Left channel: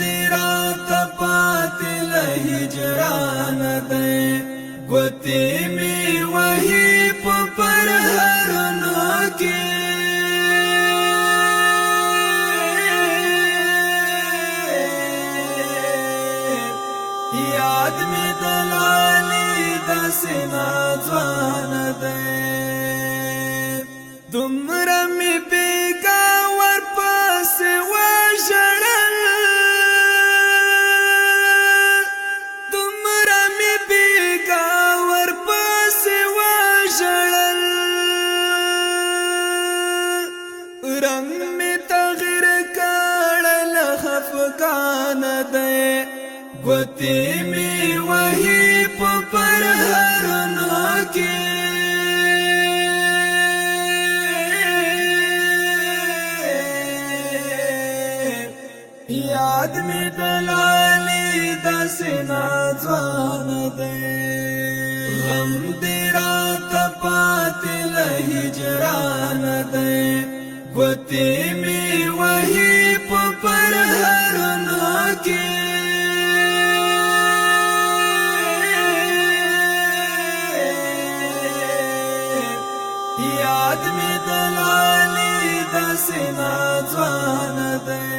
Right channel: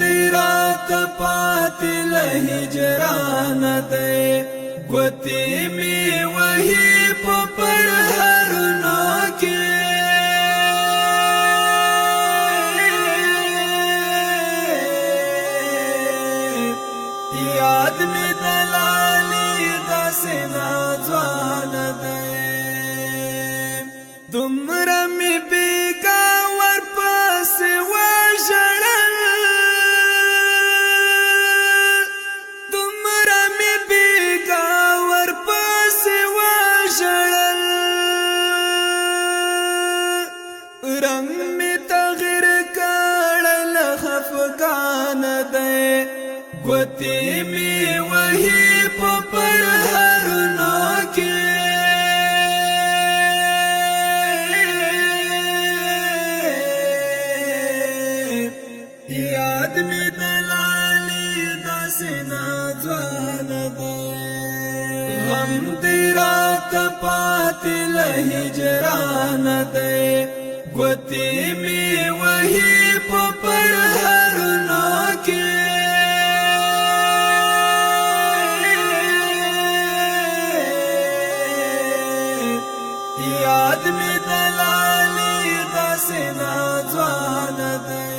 دی رات پاتی لہجران دی گوتی می وحی پر ہرنو کی یاد می دلالی دا سینا جوان دی دمرا می بیگا ور پاس وژړل دمرا می بیگا ور پاس وژړل رنگ می تغیر کړل خفقان دی گوتی می وحی پر هرنو کی یاد می دلالی دا سینا جوان دی غم دی رات پاتی لہجران دی گوتی می وحی پر ہرنو کی یاد می دلالی دا سینا جوان دی